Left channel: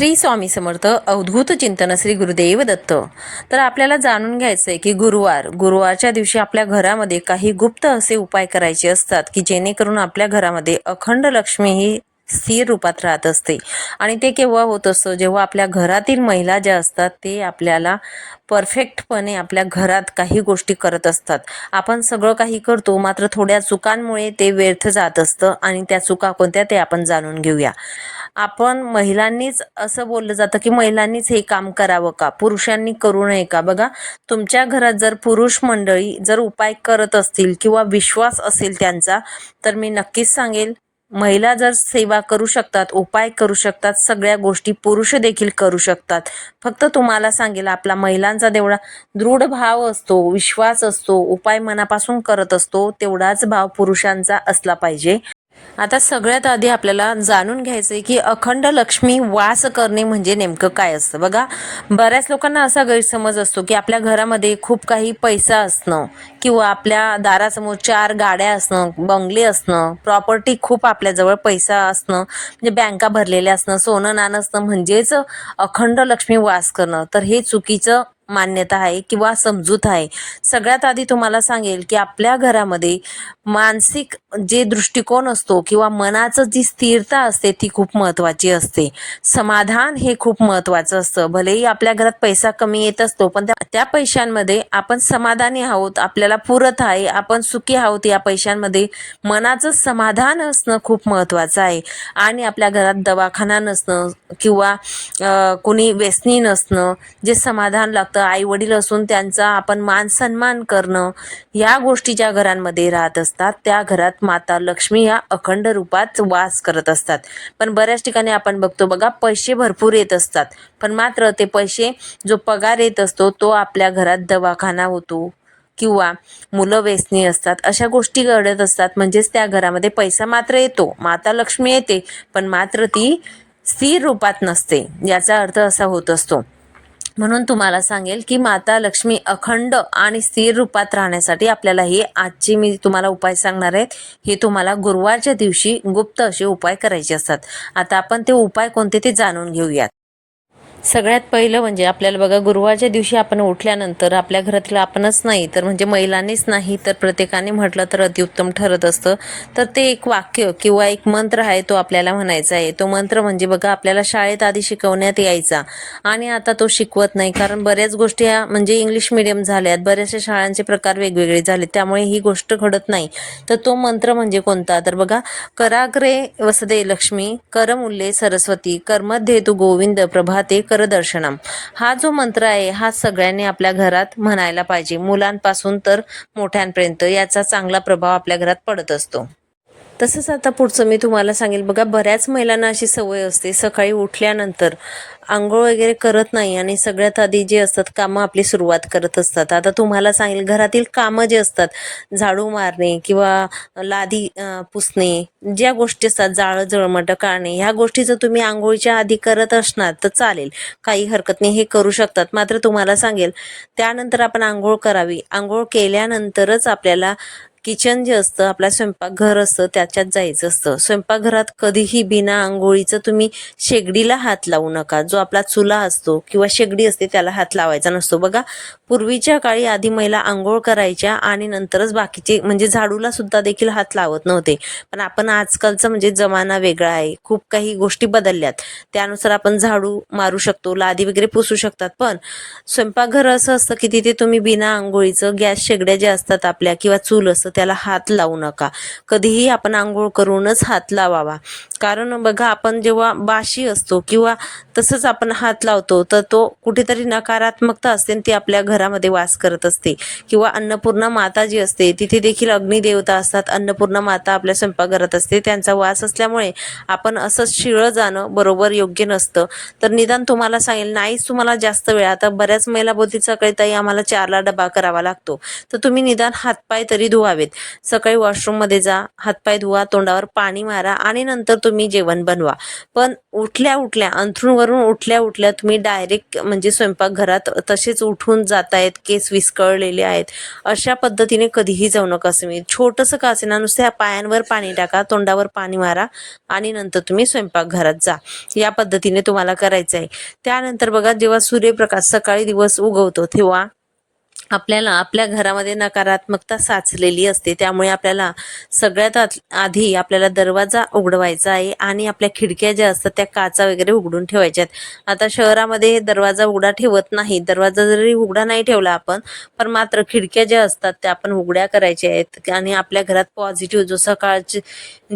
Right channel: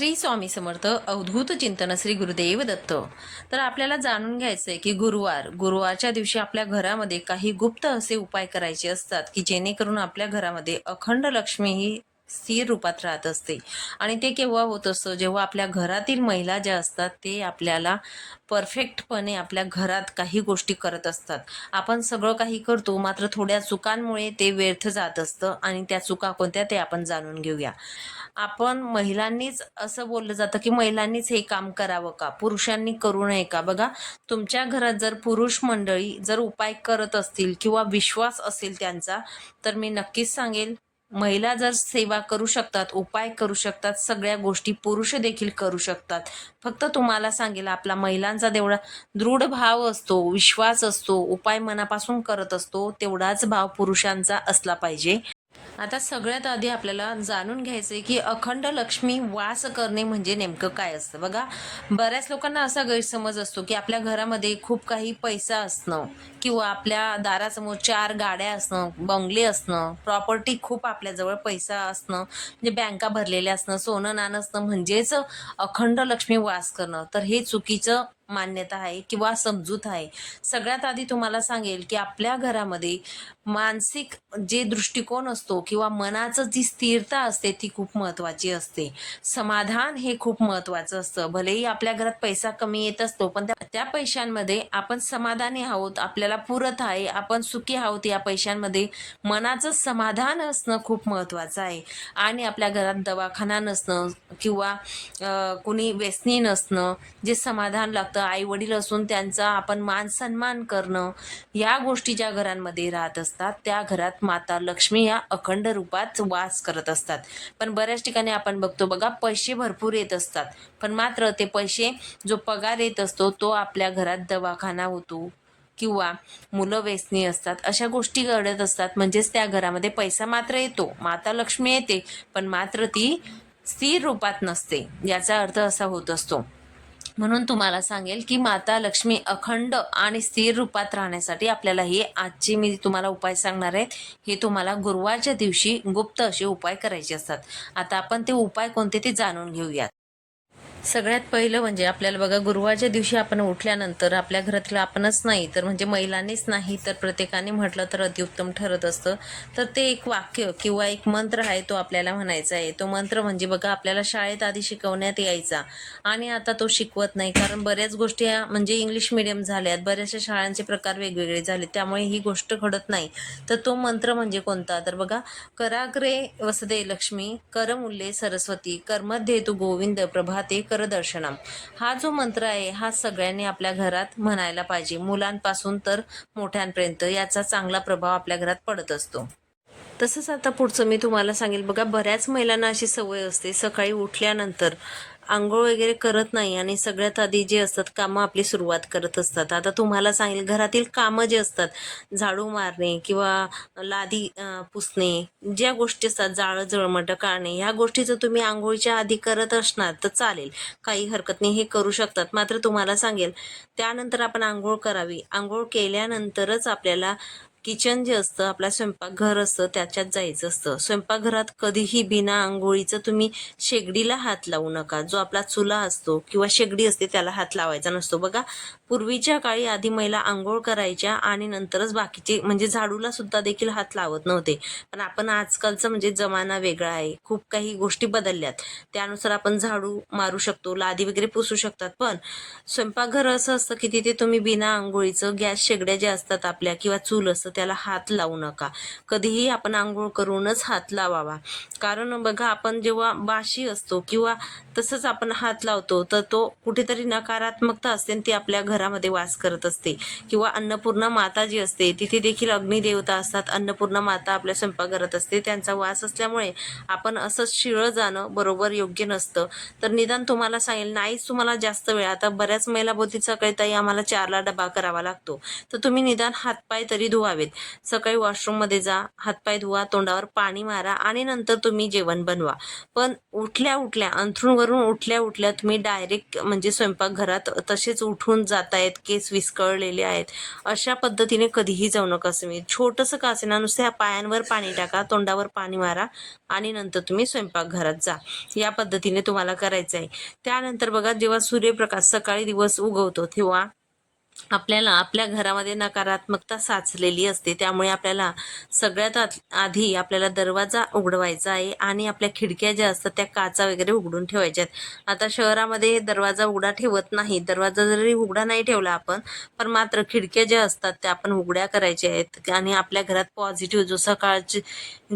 श्री स्वामी समर्थ अवधूत चिंतन श्री गुरुदेव दत्त. तर आपल्याला जाणून घ्यायचं आहे की गुरुवार गुरुवारच्या दिवशी आपल्या घरामध्ये काही गुप्त असे उपाय करायचे असतात की जेणेकरून आपल्या घरामध्ये अखंड लक्ष्मी ही स्थिर रूपात राहत असते. आणि ते केव्हा होत असतं? जेव्हा आपल्या घरातील महिला ज्या असतात ते आपल्याला परफेक्टपणे आपल्या घरात काही गोष्टी करत असतात. आपण सगळं काही करतो मात्र थोड्या चुकांमुळे ते व्यर्थ जात असतं आणि त्या चुका कोणत्या ते आपण जाणून घेऊया. आपण महिलांनीच असं बोललं जातं की महिलांनीच हे काम करावं का? पुरुषांनी करू नये का? बघा तुमच्या घरात जर पुरुष मंडळी जर उपाय करत असतील किंवा विश्वास असेल त्यांचा तर मी नक्कीच सांगेल महिला जर सेवा करू शकतात उपाय करू शकतात सगळ्या गोष्टी पुरुष देखील करू शकतात. फक्त तुम्हाला सांगेल आपला महिलांचा तेवढा दृढ भाव असतो विश्वास असतो उपाय मनापासून करत असतो तेवढाच भाव पुरुषांचा असला पाहिजे. आता सगळ्यात आधी आपल्याला जाणून घ्यायचं आहे की अखंड लक्ष्मी वास करणे म्हणजे नेमकं काय असतं? बघा बऱ्याच लोकांना असा गैरसमज असतो की आपल्या घरामध्ये खूप काही पैसा असणं किंवा आपल्या दारासमोर चार गाड्या असणं बंगले असणं प्रॉपर्टी खूप आपल्याजवळ पैसा असणं म्हणजे बँका भरलेल्या असणं सोनं नाणं असणं म्हणजेच अखंड लक्ष्मी वास करणं. तर हे चुकीचं मान्यता आहे किंवा समजूत आहे. सगळ्यात आधी तुम्हाला सांगेल की आपल्या घरामध्ये मानसिक जे दृष्टिकोन असतो किंवा मनाचं जी स्थिरता असते ती खूप महत्त्वाची असते. समाधान हे खूप महत्त्वाचं असतं. भलेही आपल्या घरात पैसा कमी येत असतो पण त्या त्या पैशांमध्ये आपण समाधानी आहोत आपल्याला पुरत आहे आपण सुखी आहोत या पैशांमध्ये मनाचं समाधान असणं खूप महत्त्वाचं आहे. आणि आपल्या घरात दवाखाना नसणं किंवा कुणी कोणी व्यसनी नसणं जे समाधान लागतं आई वडील असून त्यांचा आपण मान सन्मान करणं या गोष्टी ज्या घरांमध्ये राहत असतात त्या घरात माता लक्ष्मी या अखंड रूपात वास करत असतात. पण बऱ्याच ठिकाणी आपण बघतो बघा पैसे भरपूर येत असतात. पण मात्र ते पैसे जो पगार येत असतो तो आपल्या घरात दवाखाना होतो किंवा मुलं व्यसनी असतात अशा गोष्टी घडत असतात. म्हणजेच त्या घरामध्ये पैसा मात्र येतो माता लक्ष्मी येते पण मात्र ती स्थिर रूपात नसते. याचा अर्थ असा होत असतो. म्हणून तुम्हाला सांगेल की माता लक्ष्मी अखंड आणि स्थिर रूपात राहण्यासाठी आपल्याला हे आजचे मी तुम्हाला उपाय सांगणार आहेत हे तुम्हाला गुरुवारच्या दिवशी गुप्त असे उपाय करायचे असतात. आता आपण ते उपाय कोणते ते जाणून घेऊयात. सगळ्यात पहिलं म्हणजे आपल्याला बघा गुरुवारच्या दिवशी आपण उठल्यानंतर आपल्या घरातलं आपणच नाही तर म्हणजे महिलांनीच नाही तर प्रत्येकाने म्हटलं तर अतिउत्तम ठरत असतं. तर ते एक वाक्य किंवा एक मंत्र आहे तो आपल्याला म्हणायचा आहे. तो मंत्र म्हणजे बघा आपल्याला शाळेत आधी शिकवण्यात यायचा आणि आता तो शिकवत नाही. कारण बऱ्याच गोष्टी ह्या म्हणजे इंग्लिश मिडियम झाल्यात बऱ्याचशा शाळांचे प्रकार वेगवेगळे झाले त्यामुळे ही गोष्ट घडत नाही. तर तो मंत्र म्हणजे कोणता? तर बघा कराग्रे वसदे लक्ष्मी करमुल्ले सरस्वती कर्मध्ये तू गोविंद प्रभाते करदर्शनम. हा जो मंत्र आहे हा सगळ्यांनी आपल्या घरात म्हणायला पाहिजे. मुलांपासून तर मोठ्यांपर्यंत याचा चांगला प्रभाव आपल्या घरात पडत असतो. तसंच आता पुढचं मी तुम्हाला सांगेल. बघा बऱ्याच महिलांना अशी सवय असते. सकाळी उठल्यानंतर आंघोळ वगैरे करत नाही आणि सगळ्यात आधी जे असतात कामं आपली सुरुवात करत असतात. आता तुम्हाला सांगेल घरातील कामं जे असतात झाडू मारणे किंवा लादी पुसणे ज्या गोष्टी असतात जाळं जळमटं काढणे ह्या गोष्टी जर तुम्ही आंघोळीच्या आधी करत असणार तर चालेल. काही हरकत नाही हे करू शकतात. मात्र तुम्हाला सांगेल त्यानंतर आपण आंघोळ करावी. आंघोळ केल्यानंतरच आपल्याला किचन जे असतं आपला स्वयंपाकघर असतं त्याच्यात जायचं असतं. स्वयंपाकघरात कधीही बिना आंघोळीचं तुम्ही शेगडीला हात लावू नका. जो आपला चुला असतो किंवा शेगडी असते त्याला हात लावायचा नसतो. बघा पूर्वीच्या काळी आधी महिला आंघोळ करायच्या आणि नंतरच बाकीचे म्हणजे झाडूला सुद्धा देखील हात लावत नव्हते. पण आपण आजकालचा म्हणजे जमाना वेगळा आहे. खूप काही गोष्टी बदलल्यात. त्यानुसार आपण झाडू मारू शकतो लादी वगैरे पुसू शकतात. पण स्वयंपाकघर असं असतं की तिथे तुम्ही बिना आंघोळीचं गॅस शेगड्या ज्या असतात आपल्या किंवा चूल असतं त्याला हात लावू नका. कधीही आपण आंघोळ करूनच हात लावावा. कारण बघा आपण जेव्हा बाशी असतो किंवा तसंच आपण हात लावतो तर तो कुठेतरी नकारात्मकता असते ती आपल्या घरामध्ये वास करत असते. किंवा अन्नपूर्णा माता जी असते तिथे देखील अग्निदेवता असतात. अन्नपूर्णा माता आपल्या स्वयंपाकघरात असते. त्यांचा वास असल्यामुळे आपण असंच शिळं जाणं बरोबर योग्य नसतं. तर निदान तुम्हाला सांगेल नाहीच तुम्हाला जास्त वेळ. आता बऱ्याच महिला बोलतील सकाळी ताई आम्हाला चारला डबा करावा लागतो. तर तुम्ही निदान हातपाय तरी धुवावे करावेत. सकाळी वॉशरूममध्ये जा हातपाय धुवा तोंडावर पाणी मारा आणि नंतर तुम्ही जेवण बनवा. पण उठल्या उठल्या अंथरूणवरून उठल्या उठल्या तुम्ही डायरेक्ट म्हणजे स्वयंपाकघरात तसेच उठून जातायत केस विस्कळलेले आहेत. अशा पद्धतीने कधीही जाऊ नका तुम्ही छोटंसं का असेना नुसत्या पायांवर पाणी टाका तोंडावर पाणी मारा आणि नंतर तुम्ही स्वयंपाकघरात जा. या पद्धतीने तुम्हाला करायचं आहे त्यानंतर बघा जेव्हा सूर्यप्रकाश सकाळी दिवस उगवतो तेव्हा आपल्याला आपल्या घरामध्ये नकारात्मकता साचलेली असते. त्यामुळे आपल्याला सगळ्यात आत- आधी आपल्याला दरवाजा उघडवायचा आहे आणि आपल्या खिडक्या ज्या असतात त्या काचा वगैरे उघडून ठेवायच्या आहेत आता शहरामध्ये दरवाजा उघडा ठेवत नाही. दरवाजा जरी उघडा नाही ठेवला आपण पण मात्र खिडक्या ज्या असतात त्या आपण उघड्या करायच्या आहेत. आणि आपल्या घरात पॉझिटिव्ह जो सकाळचे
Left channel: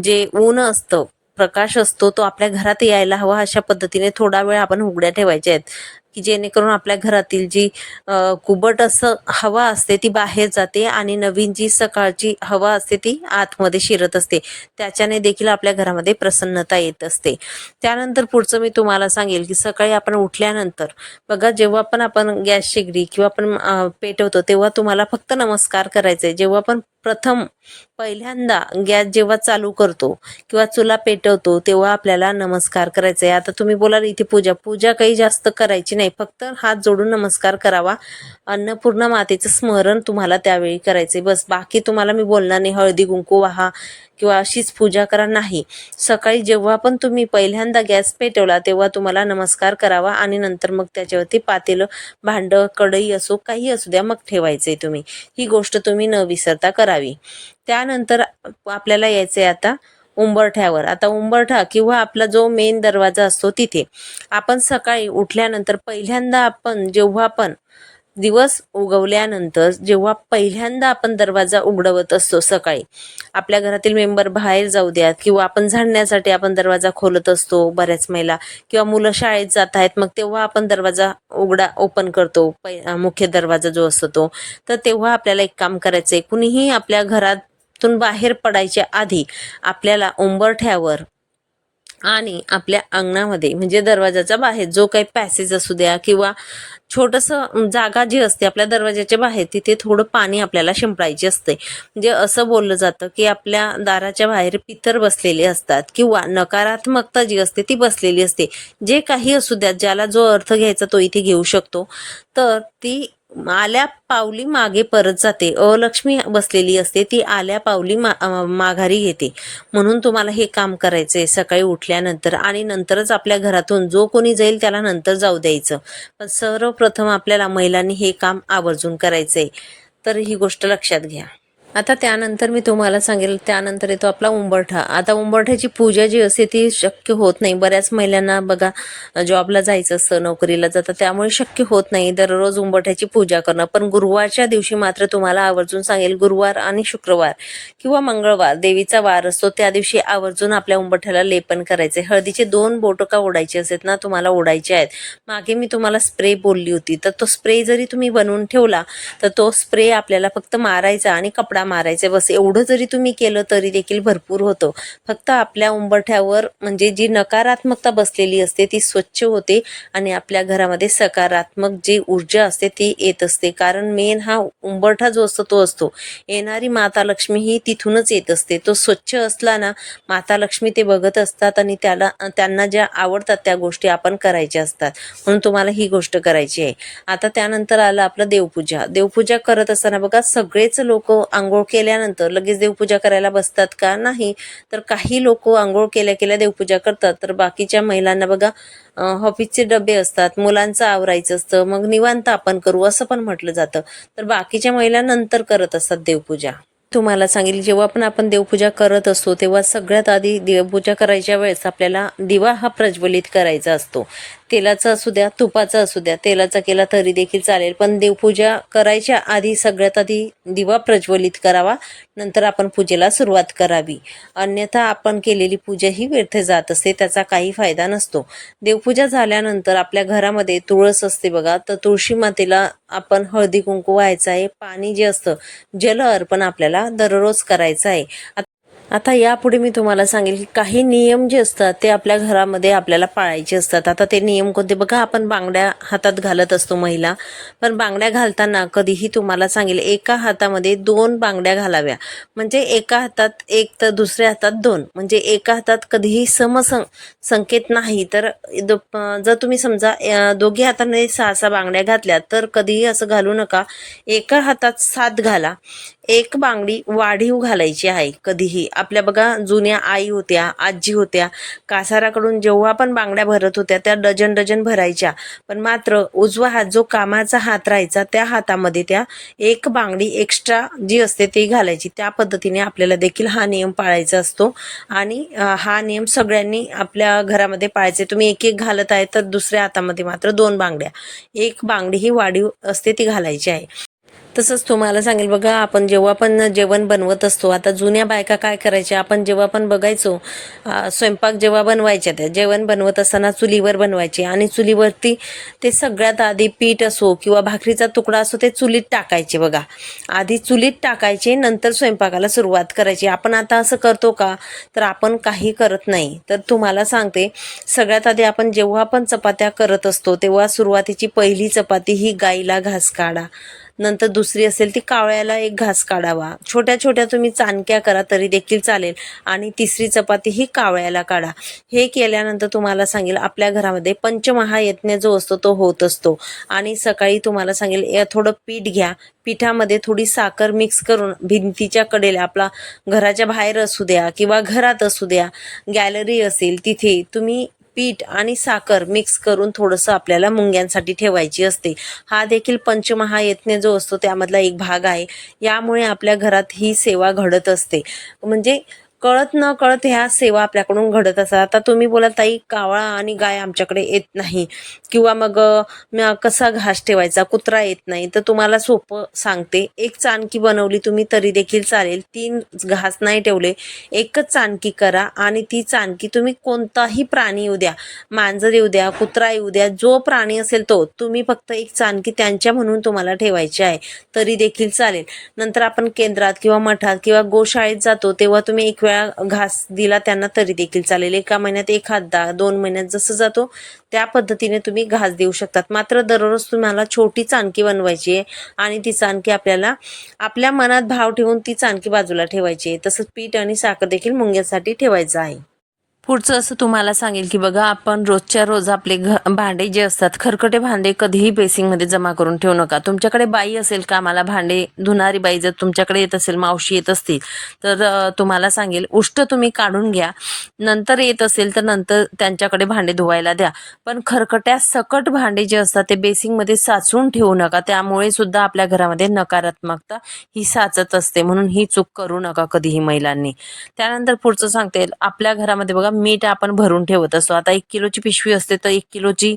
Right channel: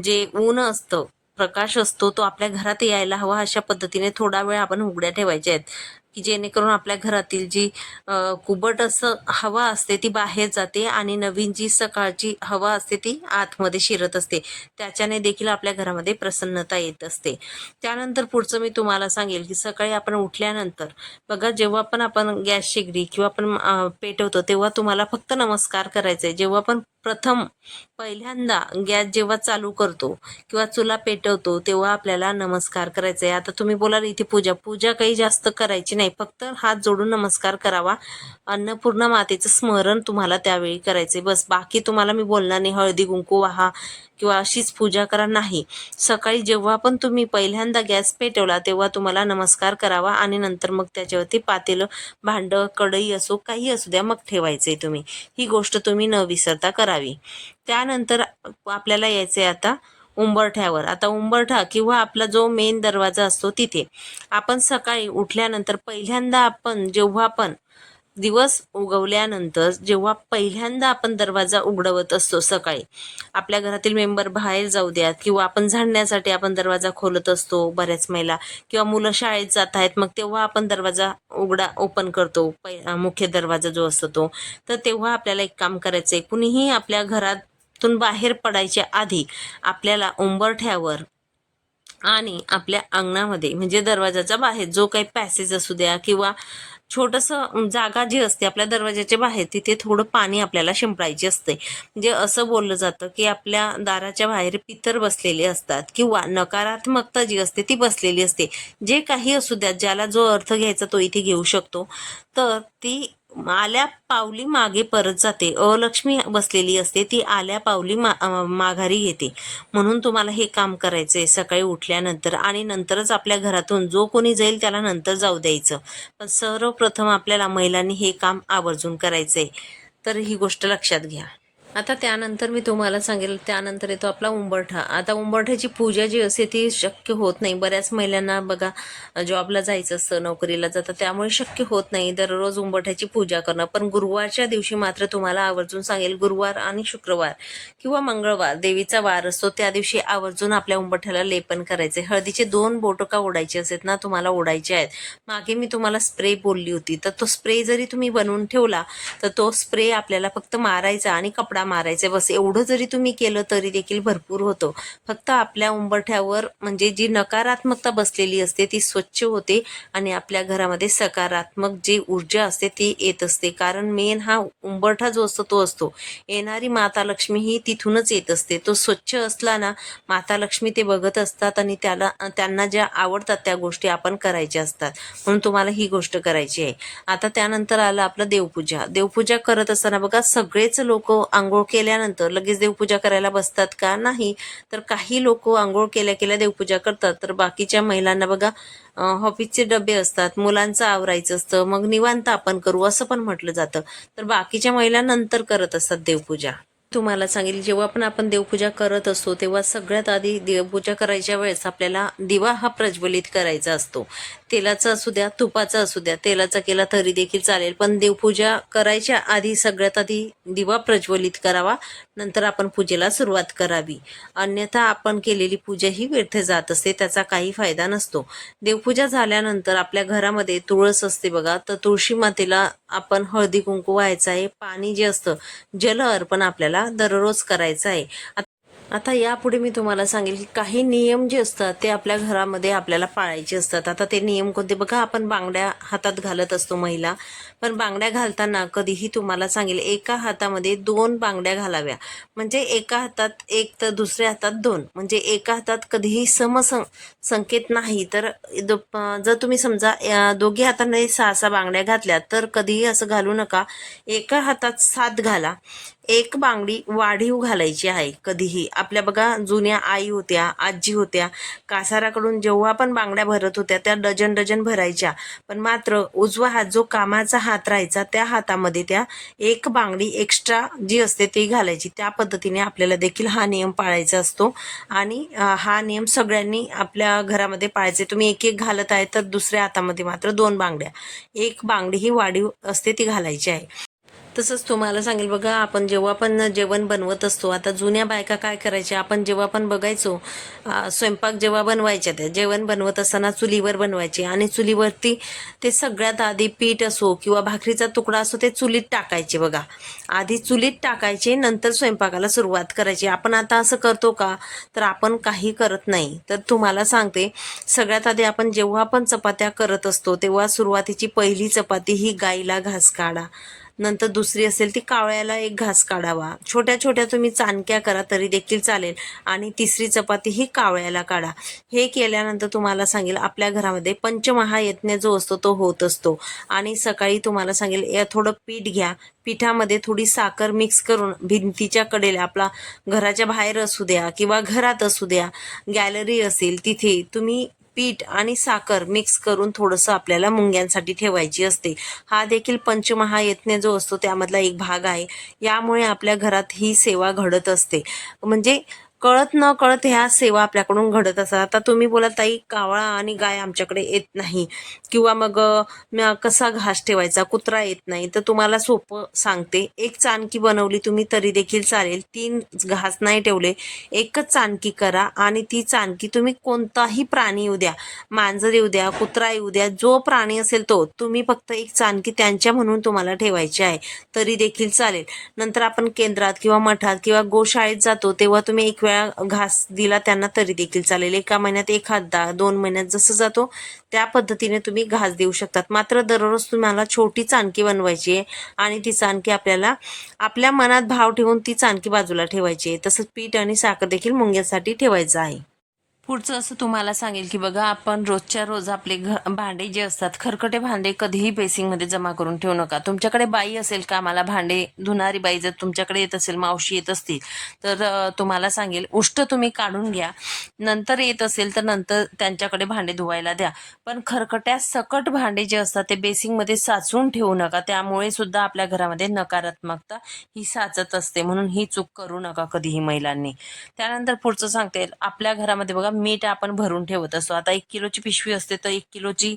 जे ऊन असतं प्रकाश असतो तो आपल्या घरात यायला हवा अशा पद्धतीने थोडा वेळ आपण उघड्या ठेवायच्या आहेत. की जेणेकरून आपल्या घरातील जी कुबट असं हवा असते ती बाहेर जाते आणि नवीन जी सकाळची हवा असते ती आतमध्ये शिरत असते. त्याच्याने देखील आपल्या घरामध्ये प्रसन्नता येत असते. त्यानंतर पुढचं मी तुम्हाला सांगेल की सकाळी आपण उठल्यानंतर बघा जेव्हा पण आपण गॅस शेगडी किंवा आपण पेटवतो तेव्हा तुम्हाला फक्त नमस्कार करायचे जेव्हा पण प्रथम पहिल्यांदा गॅस जेव्हा चालू करतो किंवा चुला पेटवतो तेव्हा आपल्याला नमस्कार करायचा आहे आता तुम्ही बोलाल इथे पूजा. पूजा काही जास्त करायची नाही. नाही फक्त हात जोडून नमस्कार करावा. अन्नपूर्णा मातेचं स्मरण तुम्हाला त्यावेळी करायचंय. बस बाकी तुम्हाला मी बोलणार नाही. हळदी कुंकू वाहा किंवा अशीच पूजा करा नाही. सकाळी जेव्हा पण तुम्ही पहिल्यांदा गॅस पेटवला तेव्हा तुम्हाला नमस्कार करावा आणि नंतर मग त्याच्यावरती पातेलं भांडं कढई असो काही असू द्या मग ठेवायचंय तुम्ही. ही गोष्ट तुम्ही न विसरता करावी. त्यानंतर आपल्याला यायचंय आता उंबरठ्यावर. आता उंबरठा किंवा आपला जो मेन दरवाजा असतो तिथे आपण सकाळी उठल्यानंतर पहिल्यांदा आपण जेव्हा पण दिवस उगवल्यानंतर जेव्हा पहिल्यांदा आपण दरवाजा उघडवत असतो सकाळी आपल्या घरातील मेंबर बाहेर जाऊ द्यात किंवा आपण झाडण्यासाठी आपण दरवाजा खोलत असतो बऱ्याच महिला किंवा मुलं शाळेत जात आहेत मग तेव्हा आपण दरवाजा उघडा ओपन करतो. पै मुख्य दरवाजा जो असतो तो. तर तेव्हा आपल्याला एक काम करायचं आहे कुणीही आपल्या घरात तून बाहेर पडायच्या आधी आपल्याला उंबरठ्यावर आणि आपल्या अंगणामध्ये म्हणजे दरवाजाच्या बाहेर जो काही पॅसेज असू द्या किंवा छोटंसं जागा जी असते आपल्या दरवाजाच्या बाहेर तिथे थोडं पाणी आपल्याला शिंपडायचे असते. म्हणजे असं बोललं जातं की आपल्या दाराच्या बाहेर पितर बसलेले असतात किंवा नकारात्मकता जी असते ती बसलेली असते. जे काही असू द्या ज्याला जो अर्थ घ्यायचा तो इथे घेऊ शकतो. तर ती आल्या पावली मागे परत जाते. अलक्ष्मी बसलेली असते. ती आल्या पावली मा माघारी घेते. म्हणून तुम्हाला हे काम करायचंय सकाळी उठल्यानंतर. आणि नंतरच आपल्या घरातून जो कोणी जाईल त्याला नंतर जाऊ द्यायचं. पण सर्वप्रथम आपल्याला महिलांनी हे काम आवर्जून करायचंय. तर ही गोष्ट लक्षात घ्या. आता त्यानंतर मी तुम्हाला सांगेल त्यानंतर येतो आपला उंबरठा. आता उंबरठ्याची पूजा जी असते ती शक्य होत नाही. बऱ्याच महिलांना बघा जॉबला जायचं असतं नोकरीला जातं त्यामुळे शक्य होत नाही दररोज उंबरठ्याची पूजा करणं. पण गुरुवारच्या दिवशी मात्र तुम्हाला आवर्जून सांगेल गुरुवार आणि शुक्रवार किंवा मंगळवार देवीचा वार असतो त्या दिवशी आवर्जून आपल्या उंबरठ्याला लेपन करायचे हळदीचे दोन बोटं का ओढायचे असतात ना तुम्हाला ओढायचे आहेत. मागे मी तुम्हाला स्प्रे बोलली होती. तर तो स्प्रे जरी तुम्ही बनवून ठेवला तर तो स्प्रे आपल्याला फक्त मारायचा आणि कपडा मारायचा. बस एवढं जरी तुम्ही केलं तरी देखील भरपूर होतं. फक्त आपल्या उंबरठ्यावर म्हणजे जी नकारात्मकता बसलेली असते ती स्वच्छ होते आणि आपल्या घरामध्ये सकारात्मक जी ऊर्जा असते ती येत असते. कारण मेन हा उंबरठा जो असतो तो असतो. येणारी माता लक्ष्मी ही तिथूनच येत असते. तो स्वच्छ असला ना माता लक्ष्मी ते बघत असतात आणि त्याला त्यांना ज्या आवडतात त्या गोष्टी आपण करायच्या असतात. म्हणून तुम्हाला ही गोष्ट करायची आहे. आता त्यानंतर आलं आपलं देवपूजा. देवपूजा करत असताना बघा सगळेच लोक आंघोळ केल्यानंतर लगेच देवपूजा करायला बसतात का? नाही. तर काही लोक आंघोळ केल्या केल्या देवपूजा करतात. तर बाकीच्या महिलांना बघा अं, ऑफिसचे डबे असतात मुलांचं आवरायचं असतं मग निवांत आपण करू असं पण म्हटलं जातं. तर बाकीच्या महिला नंतर करत असतात देवपूजा. तुम्हाला सांगेल जेव्हा पण आपण देवपूजा करत असतो तेव्हा सगळ्यात आधी देवपूजा करायच्या वेळेस आपल्याला दिवा हा प्रज्वलित करायचा असतो. तेलाचा असू द्या तुपाचा असू द्या तेलाचा केला तरी देखील चालेल. पण देवपूजा करायच्या आधी सगळ्यात आधी दिवा प्रज्वलित करावा नंतर आपण पूजेला सुरुवात करावी. अन्यथा आपण केलेली पूजा ही व्यर्थ जात असते त्याचा काही फायदा नसतो. देवपूजा झाल्यानंतर आपल्या घरामध्ये तुळस असते बघा तर तुळशी मातेला आपण हळदी कुंकू व्हायचं आहे पाणी जे असतं जल अर्पण आपल्याला दररोज करायचं आहे. आता यापुढे मी तुम्हाला सांगेल की काही नियम जे असतात ते आपल्या घरामध्ये आपल्याला पाळायचे असतात. आता ते नियम कोणते? बघा आपण बांगड्या हातात घालत असतो महिला. पण बांगड्या घालताना कधीही तुम्हाला सांगेल एका हातामध्ये दोन बांगड्या घालाव्या. म्हणजे एका हातात एक तर दुसऱ्या हातात दोन. म्हणजे एका हातात कधीही समसं संकेत नाही. तर जर तुम्ही समजा अं, दोघी हाताने सहा सहा बांगड्या घातल्या तर कधीही असं घालू नका. एका हातात सात घाला. एक बांगडी वाढीव घालायची आहे कधीही. आपल्या बघा जुन्या आई होत्या आजी होत्या कासाराकडून जेव्हा पण बांगड्या भरत होत्या त्या डजन डजन भरायच्या. पण मात्र उजवा हात जो कामाचा हात राहायचा त्या हातामध्ये त्या एक बांगडी एक्स्ट्रा जी असते ती घालायची. त्या पद्धतीने आपल्याला देखील हा नियम पाळायचा असतो. आणि हा नियम सगळ्यांनी आपल्या घरामध्ये पाळायचे. तुम्ही एक एक घालत आहे तर दुसऱ्या हातामध्ये मात्र दोन बांगड्या. एक बांगडी ही वाढीव असते ती घालायची आहे. तसंच तुम्हाला सांगेल बघा आपण जेव्हा पण जेवण बनवत असतो आता जुन्या बायका काय करायच्या आपण जेव्हा पण बघायचो स्वयंपाक जेव्हा बनवायच्या त्या जेवण बनवत असताना चुलीवर बनवायचे आणि चुलीवरती ते सगळ्यात आधी पीठ असो किंवा भाकरीचा तुकडा असो ते चुलीत टाकायचे बघा. आधी चुलीत टाकायचे नंतर स्वयंपाकाला सुरुवात करायची. आपण आता असं करतो का? तर आपण काही करत नाही. तर तुम्हाला सांगते सगळ्यात आधी आपण जेव्हा पण चपात्या करत असतो तेव्हा सुरुवातीची पहिली चपाती ही गाईला घास काढा. नंतर दुसरी असेल ती कावळ्याला एक घास काढावा. छोट्या छोट्या तुम्ही चाणक्या करा तरी देखील चालेल. आणि तिसरी चपाती ही कावळ्याला काढा. हे केल्यानंतर तुम्हाला सांगेल आपल्या घरामध्ये पंचमहायज्ञ जो असतो तो होत असतो. आणि सकाळी तुम्हाला सांगेल थोडं पीठ घ्या. पिठामध्ये थोडी साखर मिक्स करून भिंतीच्या कडेला आपला घराच्या बाहेर असू द्या किंवा घरात असू द्या गॅलरी असेल तिथे तुम्ही पीठ आणि साखर मिक्स करून थोडंसं आपल्याला मुंग्यांसाठी ठेवायची असते. हा देखील पंचमहायज्ञ जो असतो त्यामधला एक भाग आहे. यामुळे आपल्या घरात ही सेवा घडत असते. म्हणजे कळत न कळत ह्या सेवा आपल्याकडून घडत असतात. आता तुम्ही बोला ताई कावळा आणि गाय आमच्याकडे येत नाही. किंवा मग कसा घास ठेवायचा? कुत्रा येत नाही. तर तुम्हाला सोपं सांगते. एक चाणकी बनवली तुम्ही तरी देखील चालेल. तीन घास नाही ठेवले. एकच चाणकी करा आणि ती चाणकी तुम्ही कोणताही प्राणी येऊ द्या मांजर येऊ द्या कुत्रा येऊ द्या जो प्राणी असेल तो तुम्ही फक्त एक चाणकी त्यांच्या म्हणून तुम्हाला ठेवायची आहे. तरी देखील चालेल. नंतर आपण केंद्रात किंवा मठात किंवा गोशाळेत जातो तेव्हा तुम्ही एक वेळा घास दिला त्यांना तरी देखील चालेल. एका महिन्यात एखादा दोन महिन्यात जसं जातो त्या पद्धतीने तुम्ही घास देऊ शकतात. मात्र दररोज तुम्हाला छोटी चाणकी बनवायची आहे आणि ती चाणकी आपल्याला आपल्या मनात भाव ठेवून ती चाणकी बाजूला ठेवायची आहे. तसंच पीठ आणि साखर देखील मुंग्यासाठी ठेवायचं आहे. पुढचं असं तुम्हाला सांगेल की बघा आपण रोजच्या रोज आपले घ भांडे जे असतात खरकटे भांडे कधीही बेसिंगमध्ये जमा करून ठेवू नका. तुमच्याकडे बाई असेल का आम्हाला भांडे धुणारी बाई जर तुमच्याकडे येत असेल मावशी येत असतील तर तुम्हाला सांगेल उष्ट तुम्ही काढून घ्या. नंतर येत असेल तर नंतर त्यांच्याकडे भांडे धुवायला द्या. पण खरकट्या सकट भांडे जे असतात ते बेसिंगमध्ये साचून ठेवू नका. त्यामुळे सुद्धा आपल्या घरामध्ये नकारात्मकता ही साचत असते. म्हणून ही चूक करू नका कधीही महिलांनी. त्यानंतर पुढचं सांगते आपल्या घरामध्ये बघा मीठ आपण भरून ठेवत असतो. आता एक किलोची पिशवी असते तर एक किलोची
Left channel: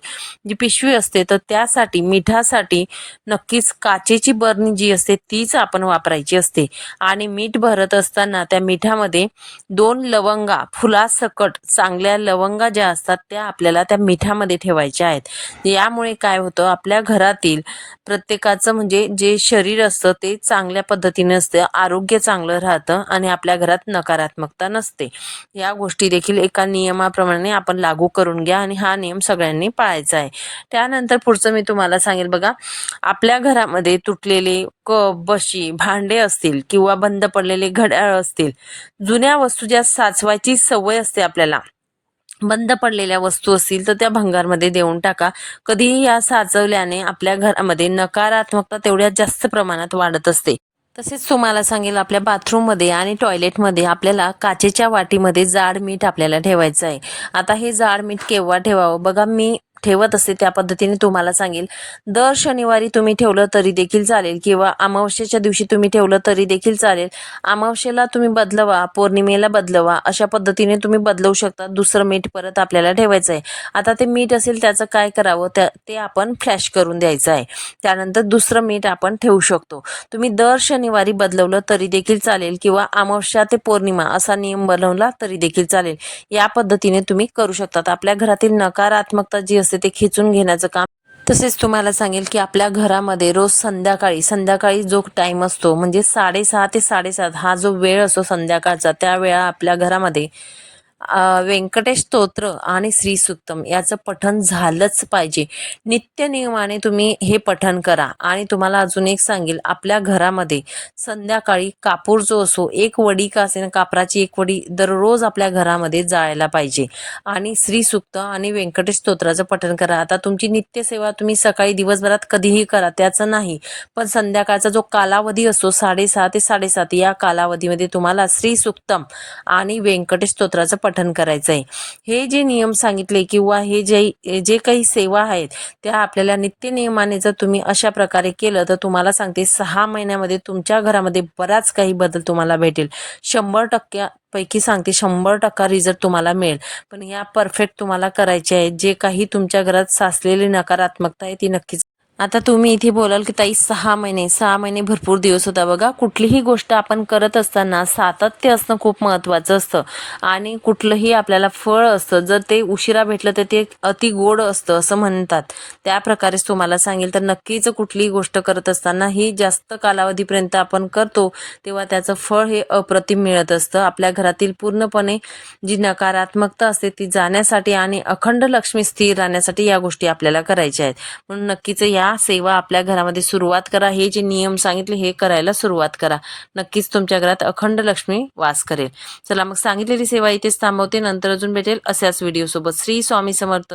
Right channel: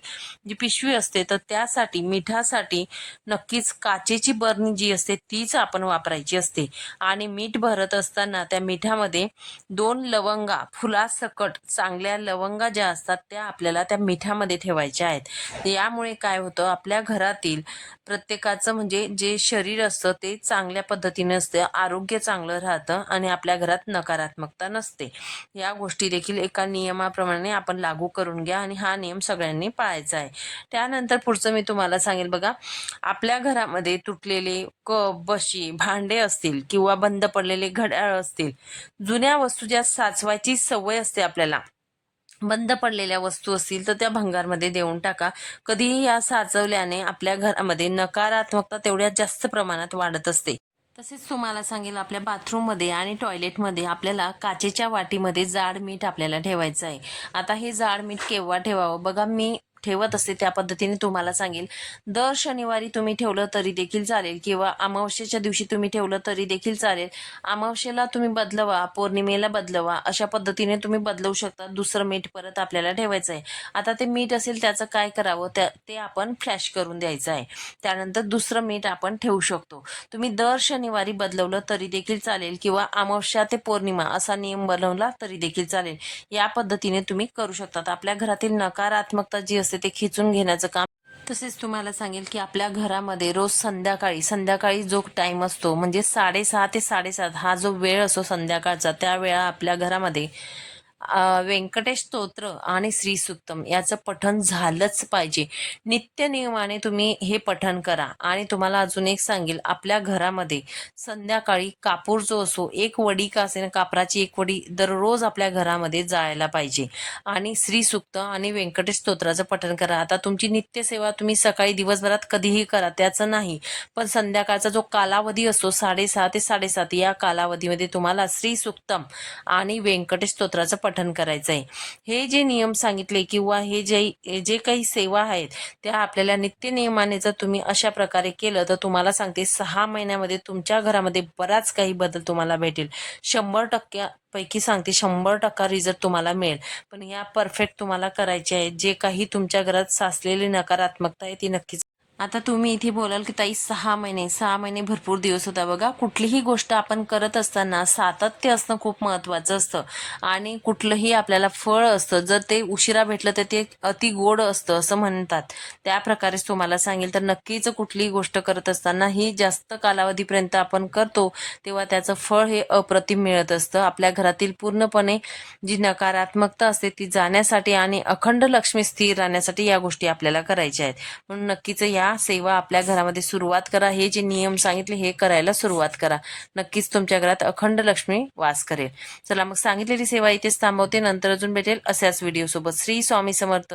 जी पिशवी असते तर त्यासाठी मिठासाठी नक्कीच काचेची बरणी जी असते तीच आपण वापरायची असते. आणि मीठ भरत असताना त्या मिठामध्ये दोन लवंगा फुलासकट चांगल्या लवंगा ज्या असतात त्या आपल्याला त्या मिठामध्ये ठेवायच्या आहेत. यामुळे काय होतं आपल्या घरातील प्रत्येकाचं म्हणजे जे शरीर असतं ते चांगल्या पद्धतीने असतं आरोग्य चांगलं राहतं आणि आपल्या घरात नकारात्मकता नसते. या गोष्टी देखील एका नियमाप्रमाणे आपण लागू करून घ्या आणि हा नियम सगळ्यांनी पाळायचा आहे. त्यानंतर पुढचं मी तुम्हाला सांगेल बघा आपल्या घरामध्ये तुटलेले कप बशी भांडे असतील किंवा बंद पडलेले घड्याळ असतील जुन्या वस्तू ज्या साचवायची सवय असते आपल्याला. बंद पडलेल्या वस्तू असतील तर त्या भंगारमध्ये देऊन टाका. कधीही या साचवल्याने आपल्या घरामध्ये नकारात्मकता तेवढ्या जास्त प्रमाणात वाढत असते. तसेच तुम्हाला सांगेल आपल्या बाथरूममध्ये आणि टॉयलेटमध्ये आपल्याला काचेच्या वाटीमध्ये जाड मीठ आपल्याला ठेवायचं आहे. आता हे जाड मीठ केव्हा ठेवावं? बघा मी ठेवत असते त्या पद्धतीने तुम्हाला सांगेल. दर शनिवारी तुम्ही ठेवलं तरी देखील चालेल किंवा अमावस्येच्या दिवशी तुम्ही ठेवलं तरी देखील चालेल. अमावस्येला तुम्ही बदलवा पौर्णिमेला बदलवा अशा पद्धतीने तुम्ही बदलवू शकता. दुसरं मीठ परत आपल्याला ठेवायचं आहे. आता ते मीठ असेल त्याचं काय करावं? त्या ते आपण फ्लॅश करून द्यायचं आहे. त्यानंतर दुसरं मीठ आपण ठेवू शकतो. तुम्ही दर शनिवारी बदलवलं तरी देखील चालेल किंवा अमावस्या ते पौर्णिमा असा नियम बनवला तरी देखील चालेल. या पद्धतीने तुम्ही करू शकतात. आपल्या घरातील नकारात्मकता जी असते ते खेचून घेण्याचं काम. तसेच तुम्हाला सांगेल की आपल्या घरामध्ये रोज संध्याकाळी संध्याकाळी जो टाईम असतो म्हणजे साडेसहा ते साडेसात हा जो वेळ असतो संध्याकाळचा त्या वेळा आपल्या घरामध्ये व्यंकटेश स्तोत्र आणि श्रीसुक्तम याचं पठन झालंच पाहिजे. नित्य नियमाने तुम्ही हे पठन करा. आणि तुम्हाला अजून एक सांगेल आपल्या घरामध्ये संध्याकाळी कापूर जो असो एक वडी का असेल कापराची एक वडी दररोज आपल्या घरामध्ये जाळायला पाहिजे. आणि श्रीसुक्त आणि व्यंकटेश स्तोत्राचं पठन करा. आता तुमची नित्यसेवा तुम्ही सकाळी दिवसभरात कधीही करा त्याचं नाही. पण संध्याकाळचा जो कालावधी असतो साडेसहा ते साडेसात या कालावधीमध्ये तुम्हाला श्रीसुक्तम आणि व्यंकटेश स्तोत्राचं पठन पठन करायचं आहे हे जे नियम सांगितले किंवा हे जे जे काही सेवा आहेत त्या आपल्याला नित्य नियमाने जर तुम्ही अशा प्रकारे केलं तर तुम्हाला सांगते सहा महिन्यामध्ये तुमच्या घरामध्ये बराच काही बदल तुम्हाला भेटेल. शंभर टक्क्यापैकी सांगते शंभर टक्का रिझल्ट तुम्हाला मिळेल. पण या परफेक्ट तुम्हाला करायचे आहेत. जे काही तुमच्या घरात साचलेली नकारात्मकता आहे ती नक्कीच आता तुम्ही इथे बोलाल की ताई सहा महिने सहा महिने भरपूर दिवस होता बघा. कुठलीही गोष्ट आपण करत असताना सातत्य असणं खूप महत्त्वाचं असतं. आणि कुठलंही आपल्याला फळ असतं जर ते उशिरा भेटलं तर ते अति गोड असतं असं म्हणतात. त्या प्रकारेच तुम्हाला सांगेल तर नक्कीच कुठलीही गोष्ट करत असताना ही जास्त कालावधीपर्यंत आपण करतो तेव्हा त्याचं फळ हे अप्रतिम मिळत असतं. आपल्या घरातील पूर्णपणे जी नकारात्मकता असते ती जाण्यासाठी आणि अखंड लक्ष्मी स्थिर राहण्यासाठी या गोष्टी आपल्याला करायच्या आहेत. म्हणून नक्कीच या सेवा आपल्या घरामध्ये सुरुवात करा हे जे नियम सांगितले हे करायला सुरुवात करा. नक्कीच तुमच्या घरात अखंड लक्ष्मी वास करेल. चला मग सांगितलेली सेवा इथेच थांबवते. नंतर अजून भेटेल अशाच व्हिडिओ सोबत. श्री स्वामी समर्थ.